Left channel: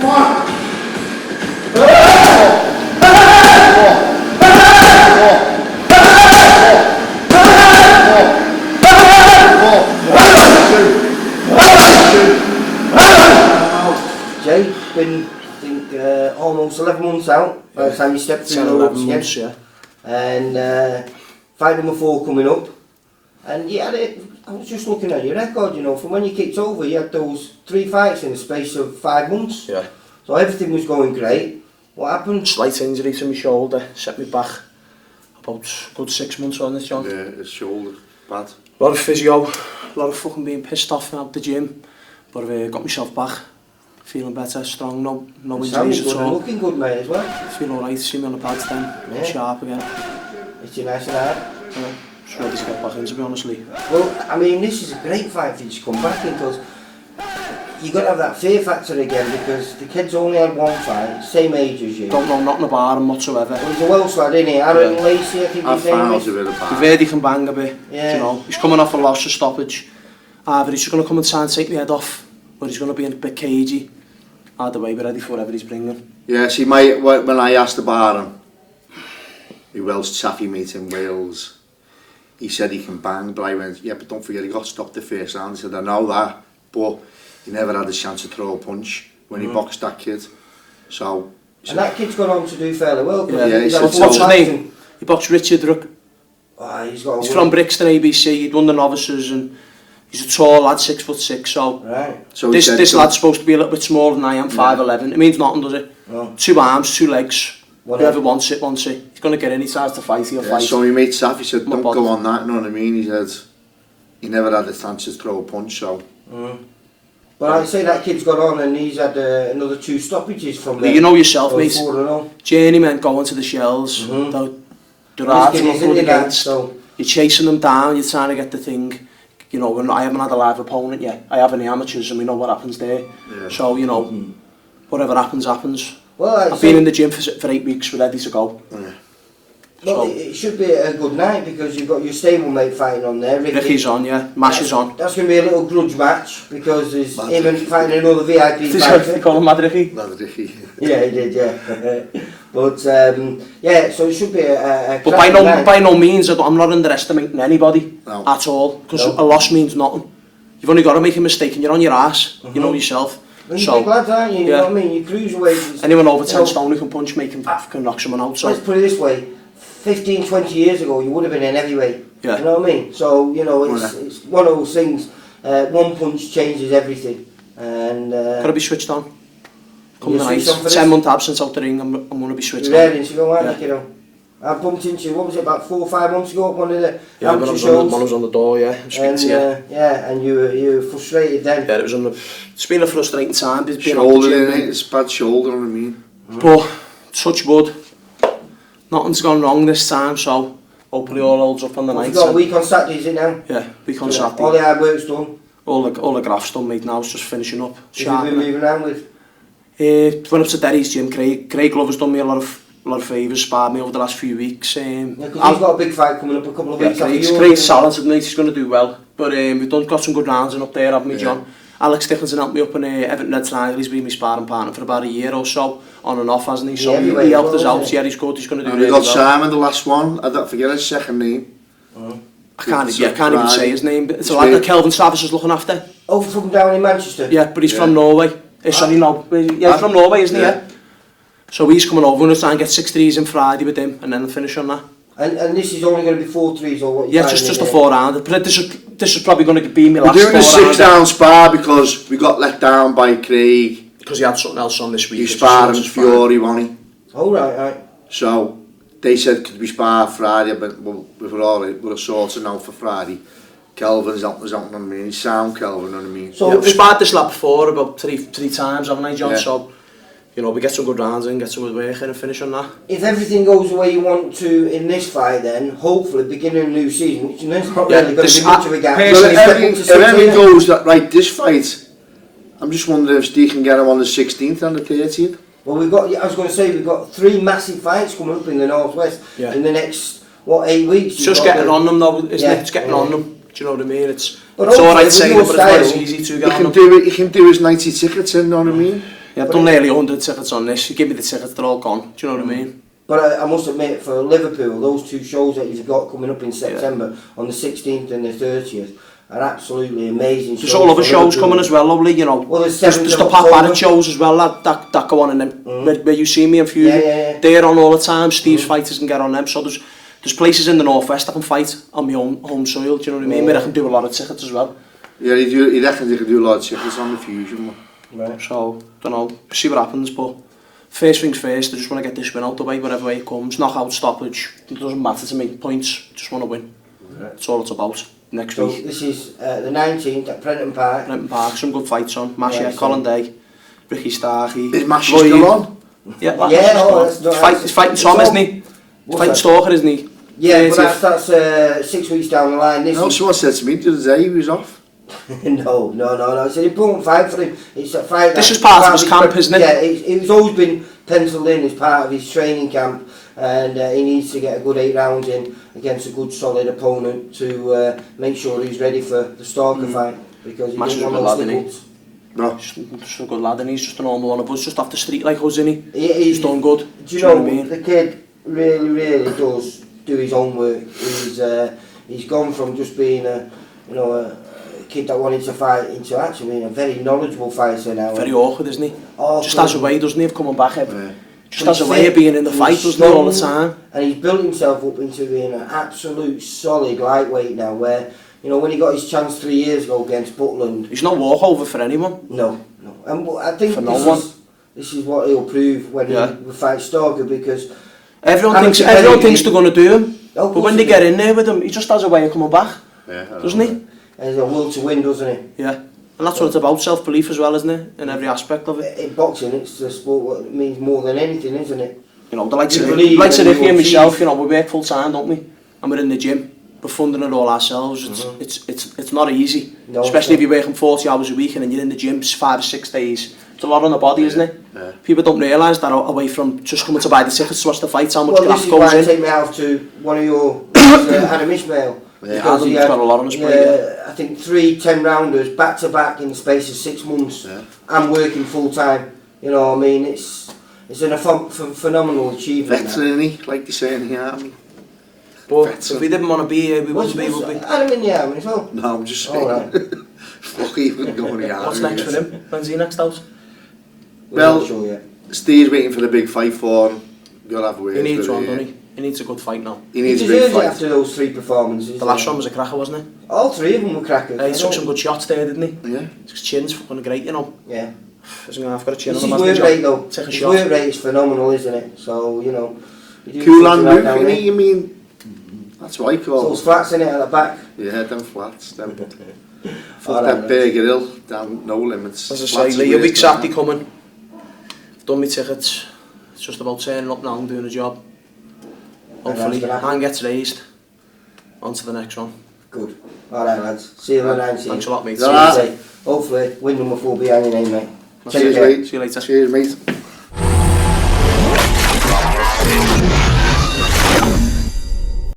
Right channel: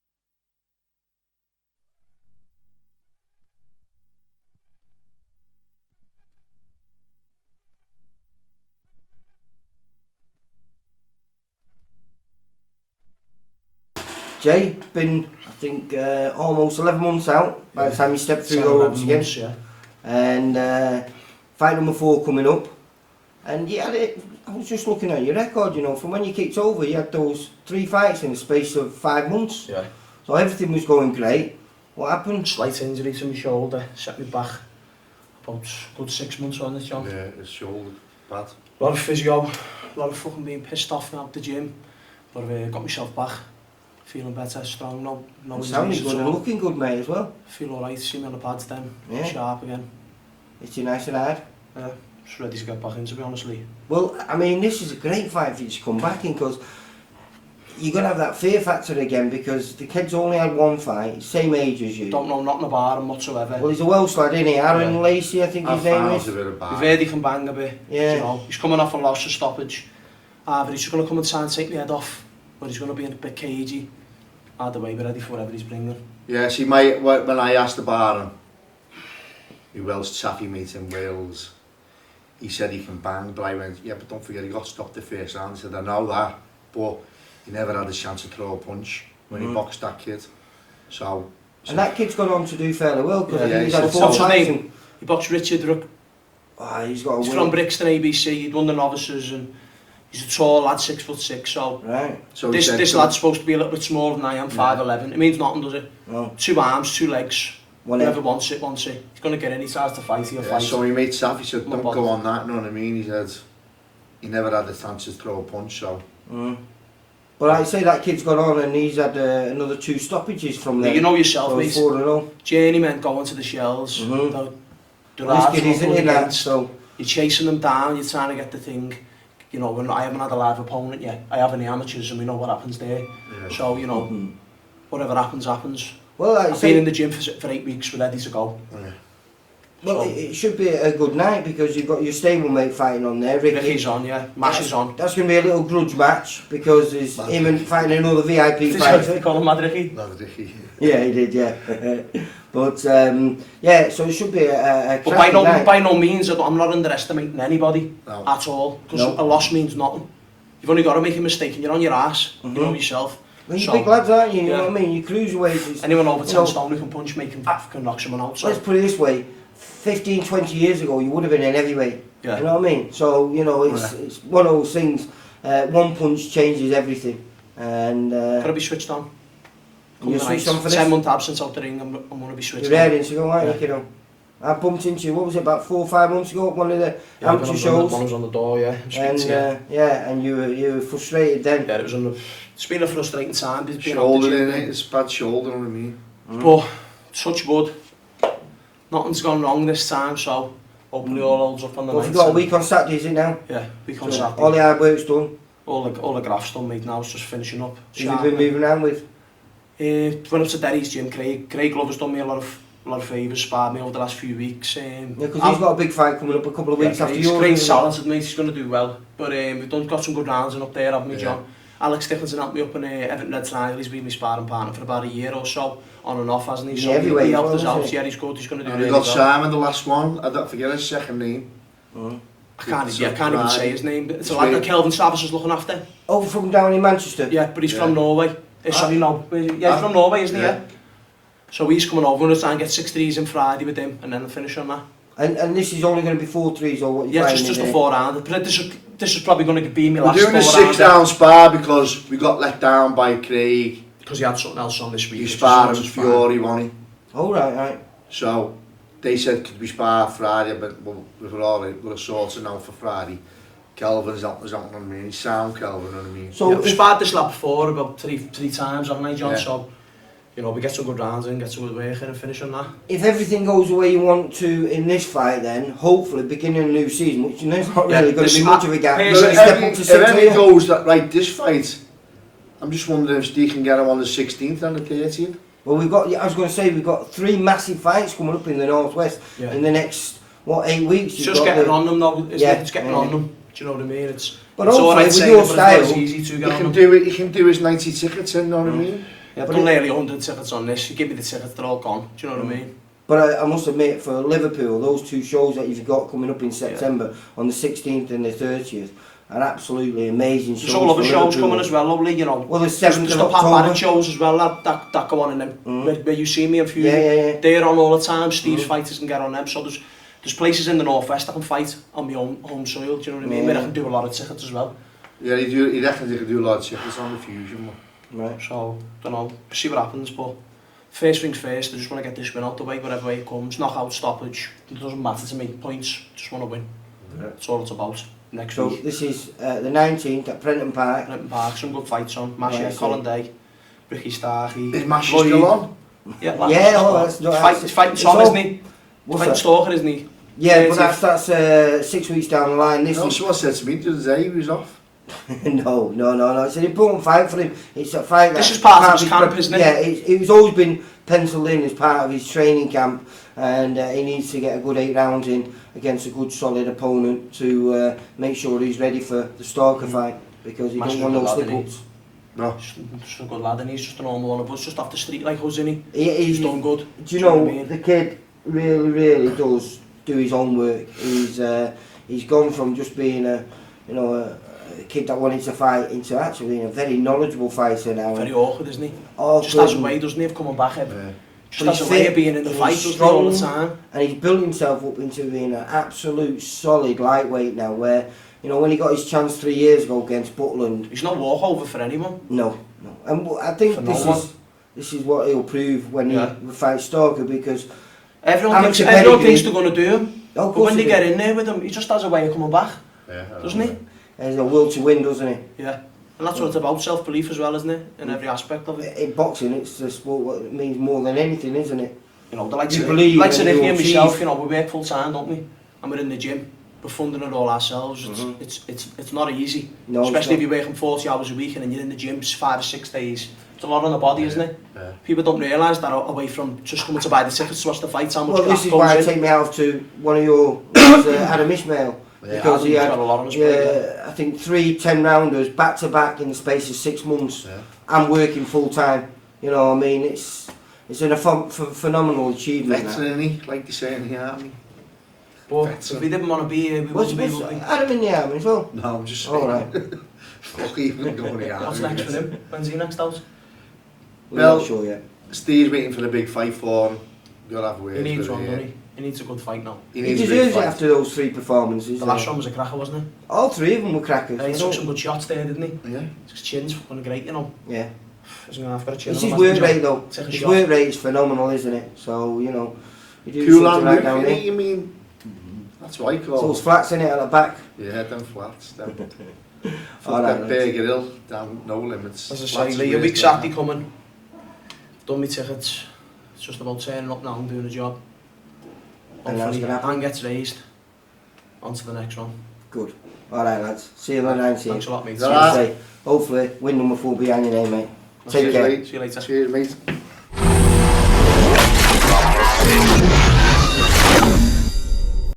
Come on. Jay, been, I think, almost 11 months out by the time you step through the ropes again. Yeah. And fight number 4 coming up. And you had it, I was just looking at your record, you know, from when you kicked over, you had those 3 fights in the space of 5 months. Yeah. So everything was going great. What happened? Slight injury to my shoulder, set me back about good 6 months on this, John. Yeah, his shoulder, bad. A lot of physio, a lot of fucking being pissed off out the gym, but I've got myself back, feeling better, strong, no injuries Good at and all. looking good, mate, as well. Feel alright, see me on the pads then, Yeah. sharp again. It's nice and hard. Yeah, just ready to get back in, to be honestly. Well, I mean, this is a great fight for you to come back in, because you're going to have that fear factor again, because the kid's only had 1 fight, same age as you. Don't know nothing about him whatsoever. Well, he's a Welsh lad, isn't he? Aaron Yeah. Lacey, I think I his name found is. a bit of You've bad. heard he can bang a bit, Yeah. you know. He's coming off a loss of stoppage. Either he's just going to come and try and take the head off, or he's going to be a bit cagey. Either way, we're ready for whatever he's bringing. Yeah, see, when I asked about him, he Welsh taffy mate in Wales, he said he can bang, but I went, yeah, but don't forget he got stopped the first round. He said, I know that, but he never had a chance to throw a punch when he boxed that kid. So And that kid's gone on to do fairly well, because Yeah, he's he had said 4 so. fights and He boxed Richard Rook. he's got a He's win. from Brixton ABC, he'd won the novices, and he's a tall lad, 6'6", so Right. he this said, lad's supposed to be a little bit smaller than I am, 5'11". It means nothing, does it? No. 2 arms, 2 legs. One Whoever leg. wants it, wants it. He's going to get in, he tries to fight, he'll yeah, fight. so he made Taffy said, My don't body. go on that, you know what I mean? He said, he never had a chance to throw a punch, so. But I'd say that kid's got on and he's had another 2 stoppages from But there. you know yourself, So mate. 4-0. Journeymen going to the shells. They're hard to Risking, look isn't good it, that? against. So, You're chasing them down, you're trying to get the thing. You know, I haven't had a live opponent yet. I have in the amateurs and we know what happens there. Yeah. So, you know, whatever happens, happens. well, I'd I've say, been in the gym for 8 weeks, we're ready to go. Yeah. well, it should be a good night because you've got your stablemate fighting on there. Ricky's on, yeah. Mash is on. That's going to be a little grudge match because there's him and fighting another VIP They fighter. call him Mad Ricky. Not Ricky. Yeah, he did, yeah. But, yeah, so it should be a But cracking night. by no means, I'm not underestimating anybody No. at all. Because No. a loss means nothing. You've only got to make a mistake and you're on your ass. You know yourself. Well, you're big lads, aren't you? You yeah. know what I mean? Your cruiserweight is... Anyone over 10 you know, stone who can punch me can knock someone out. So. Let's put it this way, 15, 20 years ago you would have been in heavyweight. Yeah. You know what I mean? So, you know, it's one of those things, one punch changes everything. And Gotta be switched on. Come you the night. switched on for 10-month absence out the ring, I'm going to be switched you're on. raring to go, aren't Yeah. you know? I bumped into you, what was it, about 4 or 5 months ago at one of the Yeah, when I amateur was shows. on, on the door, yeah. I'm speaking And, to you. yeah, and you were frustrated then. Yeah, it was it's been a frustrating time. Being Shoulder out the in gym. it, it's bad shoulder, you know what I mean? But, touch wood, nothing's gone wrong this time, so hopefully all holds up on the Well, night. you've got a and- week on Saturday, is it now? Yeah, week on Yeah. Saturday. All the hard work's done. All the graphs done, mate, now it's just finishing up. Who have you been moving around with? Went up to Derry's gym, Craig Glover's done me a lot of favours, sparred me over the last few weeks. Yeah, because he's got a big fight coming up a couple of Yeah, weeks after you. Craig's talented, mate, he's going to do well. But we've got some good rounds in up there, haven't we, Yeah. John? Alex Dickinson helped me up in Everton Red Snyder, he's been my sparring partner for about a year or so, on and off, hasn't he? So Yeah, he helped us well, out, isn't he? yeah, he's good, he's going to do And we really got well. Simon, the last one. I don't forget his second name. I can't even say his name, but it's a lad that Kelvin Savage is looking after. Oh, from down in Manchester? Yeah, but he's Yeah. from Norway. Sorry, no, yeah, he's from Norway, isn't he? Yeah. Yeah. So he's coming over, we're going to try and get 6 threes in Friday with him, and then we'll finish on that. And this is only going to be 4 threes or what? Yeah, just a 4-rounder. But this is probably going to be my We're last doing a 4-rounder. 6-down spar because we got let down by Craig. Because he had something else on this week. He which is sparred lots him of fun. Fury, wasn't he? Oh, right. So they said could we spar Friday, but we were all right. We're sorted now for Friday. Kelvin's helping us out, you know what I mean? He's sound Kelvin, you know what I mean? So we've sparred this lad before about three times, haven't I, John? Yeah. So, you know, we get some good rounds in, get some good work in and finish on that. If everything goes the way you want to in this fight then, hopefully beginning of a new season, which there's not Yeah, really going to be much of a gap. So You're gonna step up to if 6 everything million. goes that right this fight, I'm just wondering if Steve can get him on the 16th and the 30th. Well, I was going to say, we've got 3 massive fights coming up in the Northwest Yeah. in the next, 8 weeks? It's just getting on them though, isn't Yeah. it? It's getting on them. Do you know what I mean? It's But alright hopefully with saying your it, but it's not as style, easy to He get on can them. do it. He can do his 90 tickets in, you know what I mean? Yeah, I've done nearly 100 tickets on this. You give me the tickets, they're all gone. Do you know what I mean? But I must admit, for Liverpool, those 2 shows that you've got coming up in September, on the 16th and the 30th, are absolutely amazing shows. There's all other shows coming as well, lovely, you know. Well, there's the Pat Barrett shows as well that go on in them. Where you see me and Fusion. Yeah. They're on all the time. Steve's fighters can get on them. So there's places in the northwest I can fight on my own home soil. Do you know what I mean? Where I can do a lot of tickets as well. Yeah, he reckons he can do a lot of tickets on the Fusion one. Right. So, don't know, see what happens, but first things first, I just want to get this win out the way, whatever way it comes. Knockout, stoppage, it doesn't matter to me. Points, just want to win. Right. That's all it's about. Next So week. this is the 19th at Prenton Park. Prenton Park, some good fights on. Masha, Right, Colin Day, Ricky Starkey. Is Masha still on? Yeah, He's fighting Tom, isn't he? He's fighting Stalker, isn't he? Yeah, but that's 6 weeks down the line. This No, someone said to me the other day he was off. no. It's an important fight for him. It's a fight. This is part of his camp, isn't it? Yeah, it's always been penciled in as part of his training camp, and he needs to get a good 8 rounds in against a good solid opponent to make sure he's ready for the Stalker fight, because he doesn't want those slip-ups. No. Just a good lad, and he's just a normal one of us, just off the street like us, isn't he? He's done good. Do you know, what I mean? the kid really does do his own work. He's gone from just being a kid that wanted to fight into actually being a very knowledgeable fighter now. Very awkward, isn't he? Awkward. Just has a way, doesn't he, of coming back? Yeah. Just has a way of being in the fight, doesn't he, all the time? And he's built himself up into being an absolute solid lightweight now, where, you know, when he got his chance 3 years ago against Butland... He's no walkover for anyone. No. And I think for this is what he'll prove when he fights Stalker, because... Everyone thinks they're going to do him, but when they get in there with him, he just has a way of coming back, doesn't he? He's a will to win, doesn't he? Yeah. And that's what it's about, self-belief as well, isn't it? In every aspect of it. In boxing, it's a sport that means more than anything, isn't it? You know, the likes of Ricky and myself, you know, we work full time, don't we? And we're in the gym, we're funding it all ourselves. It's not easy, no, especially if you're working 40 hours a week and then you're in the gym 5 or 6 days. It's a lot on the body, isn't it? Yeah. People don't realise that away from just coming to buy the tickets to watch the fights, how much graft goes in. Well, this is why I take me out to one of your Adam Ishmael. Yeah, because he had got a lot on his plate. I think 3 10-rounders back to back in the space of 6 months. Yeah. And working full time. You know what I mean? It's a phenomenal achievement. Veteran, isn't he? Like they say in the army. But if we didn't want to be here, we wouldn't be able to be. Adam in the army as well? No, I'm just saying. Right. Fuck even going to the army. What's next for him? When's he next out? Well, not sure yet. Steve's waiting for the big fight for him. You'll have words. He needs one, doesn't he? He needs a good fight now. He needs a big fight. After those 3 performances. The last one was a cracker, wasn't it? All 3 of them were crackers. He took some good shots there, didn't he? Yeah. His chin's fucking great, you know. Yeah. He's got a chin on his him. Work rate though. Take a his shot. Work rate is phenomenal, isn't it? So, you know. Cool and move, you mean? That's what I call those flats in it at the back. Yeah, them flats, them. Fuck that Burger Hill, down no limits. As I say, Lee, a week's Saturday coming. Done my tickets. It's just about turning up now and doing a job. Hopefully, hand gets raised. On to the next one. Good. Alright lads, see you on the 19th. Thanks a lot, mate. Hopefully, win number 4 behind your name, mate. See you later. See you later. Cheers, mate.